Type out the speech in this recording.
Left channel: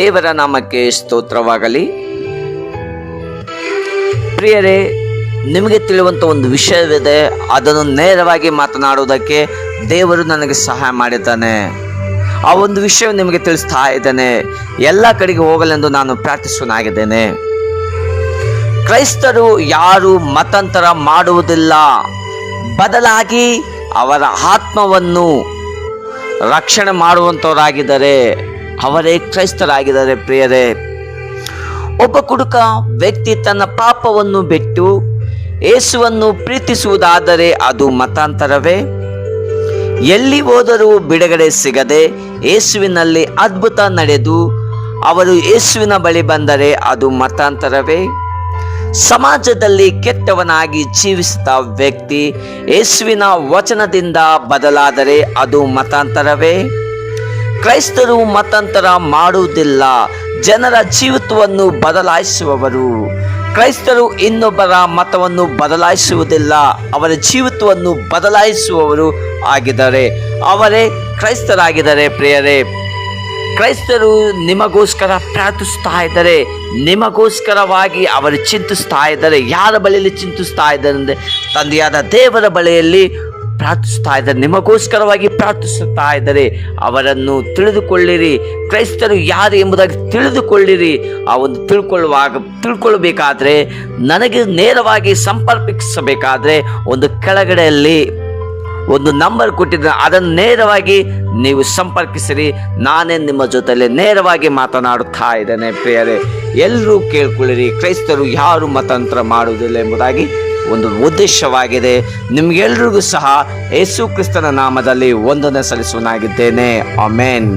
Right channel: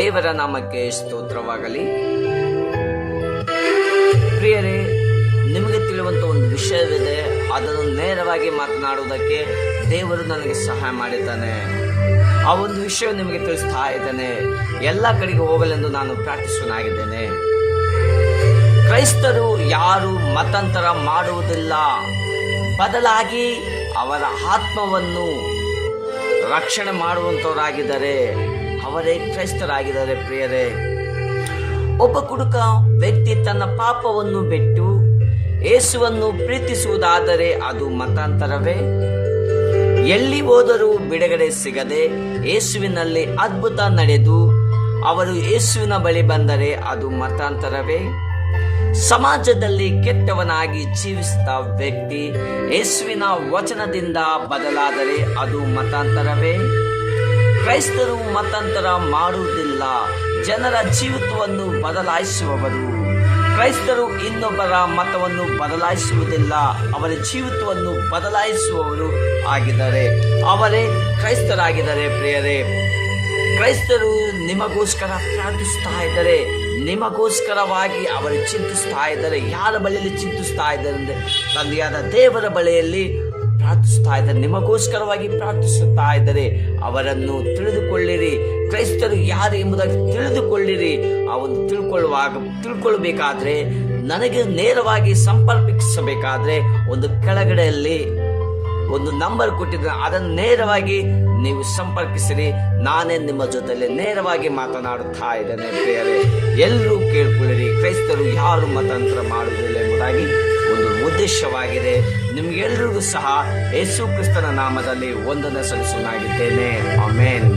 ದೇವರ ನಾಮಕ್ಕೆ ಸ್ತೋತ್ರವಾಗಲಿ. ಪ್ರಿಯರೇ, ನಿಮಗೆ ತಿಳಿಯುವಂಥ ಒಂದು ವಿಷಯವಿದೆ. ಅದನ್ನು ನೇರವಾಗಿ ಮಾತನಾಡುವುದಕ್ಕೆ ದೇವರು ನನಗೆ ಸಹಾಯ ಮಾಡಿದ್ದಾನೆ. ಆ ಒಂದು ವಿಷಯ ನಿಮಗೆ ತಿಳಿಸ್ತಾ ಇದ್ದೇನೆ. ಎಲ್ಲ ಕಡೆಗೆ ಹೋಗಲೆಂದು ನಾನು ಪ್ರಾರ್ಥಿಸುವನಾಗಿದ್ದೇನೆ. ಕ್ರೈಸ್ತರು ಯಾರು ಮತಾಂತರ ಮಾಡುವುದಿಲ್ಲ. ಬದಲಾಗಿ ಅವರ ಆತ್ಮವನ್ನು ರಕ್ಷಣೆ ಮಾಡುವಂಥವರಾಗಿದ್ದಾರೆ ಅವರೇ ಕ್ರೈಸ್ತರಾಗಿದ್ದಾರೆ ಪ್ರಿಯರೇ. ಒಬ್ಬ ಕುಡುಕ ವ್ಯಕ್ತಿ ತನ್ನ ಪಾಪವನ್ನು ಬಿಟ್ಟು ಯೇಸುವನ್ನು ಪ್ರೀತಿಸುವುದಾದರೆ ಅದು ಮತಾಂತರವೇ? ಎಲ್ಲಿ ಹೋದರೂ ಬಿಡುಗಡೆ ಸಿಗದೆ ಯೇಸುವಿನಲ್ಲಿ ಅದ್ಭುತ ನಡೆದು ಅವರು ಯೇಸುವಿನ ಬಳಿ ಬಂದರೆ ಅದು ಮತಾಂತರವೇ? ಸಮಾಜದಲ್ಲಿ ಕೆಟ್ಟವನಾಗಿ ಜೀವಿಸಿದ ವ್ಯಕ್ತಿ ಯೇಸುವಿನ ವಚನದಿಂದ ಬದಲಾದರೆ ಅದು ಮತಾಂತರವೇ? ಕ್ರೈಸ್ತರು ಮತಾಂತರ ಮಾಡುವುದಿಲ್ಲ. ಜನರ ಜೀವಿತವನ್ನು ಬದಲಾಯಿಸುವವರು. ಕ್ರೈಸ್ತರು ಇನ್ನೊಬ್ಬರ ಮತವನ್ನು ಬದಲಾಯಿಸುವುದಿಲ್ಲ. ಅವರ ಜೀವಿತವನ್ನು ಬದಲಾಯಿಸುವವರು ಆಗಿದ್ದಾರೆ. ಅವರೇ ಕ್ರೈಸ್ತರಾಗಿದ್ದಾರೆ ಪ್ರಿಯರೇ. ಕ್ರೈಸ್ತರು ನಿಮಗೋಸ್ಕರ ಪ್ರಾರ್ಥಿಸ್ತಾ ಇದ್ದಾರೆ. ನಿಮಗೋಸ್ಕರವಾಗಿ ಅವರು ಚಿಂತಿಸ್ತಾ ಇದ್ದಾರೆ. ಯಾರ ಬಳಿಯಲ್ಲಿ ಚಿಂತಿಸ್ತಾ ಇದ್ದಾರೆ ಅಂದರೆ ತಂದೆಯಾದ ದೇವರ ಬಳಿಯಲ್ಲಿ ಪ್ರಾರ್ಥಿಸ್ತಾ ಇದ್ದಾರೆ. ನಿಮಗೋಸ್ಕರವಾಗಿ ಪ್ರಾರ್ಥಿಸುತ್ತಾ ಇದ್ದಾರೆ. ಅವರನ್ನು ತಿಳಿದುಕೊಳ್ಳಿರಿ. ಕ್ರೈಸ್ತರು ಯಾರು ಎಂಬುದಾಗಿ ತಿಳಿದುಕೊಳ್ಳಿರಿ. ಆ ಒಂದು ತಿಳ್ಕೊಳ್ಳುವಾಗ, ತಿಳ್ಕೊಳ್ಬೇಕಾದ್ರೆ, ನನಗೆ ನೇರವಾಗಿ ಸಂಪರ್ಕಿಸಬೇಕಾದ್ರೆ ಒಂದು ಕೆಳಗಡೆಯಲ್ಲಿ ಒಂದು ನಂಬರ್ ಕೊಟ್ಟಿದ್ದ ಅದನ್ನು ನೇರವಾಗಿ ನೀವು ಸಂಪರ್ಕಿಸಿರಿ, ನಾನೇ ನಿಮ್ಮ ಜೊತೆಲಿ ನೇರವಾಗಿ ಮಾತನಾಡುತ್ತಾ ಇದ್ದೇನೆ ಪ್ರಿಯರೇ. ಎಲ್ಲರೂ ಕೇಳ್ಕೊಳ್ಳಿರಿ, ಕ್ರೈಸ್ತರು ಯಾರು ಮತಾಂತರ ಮಾಡುವುದಿಲ್ಲ ಎಂಬುದಾಗಿ ಒಂದು ಉದ್ದೇಶವಾಗಿದೆ. ನಿಮಗೆಲ್ರಿಗೂ ಸಹ ಯೇಸು ಕ್ರಿಸ್ತನ ನಾಮದಲ್ಲಿ ಒಂದನ್ನು ಸಲ್ಲಿಸುವನಾಗಿದ್ದೇನೆ. ಅಮೇನ್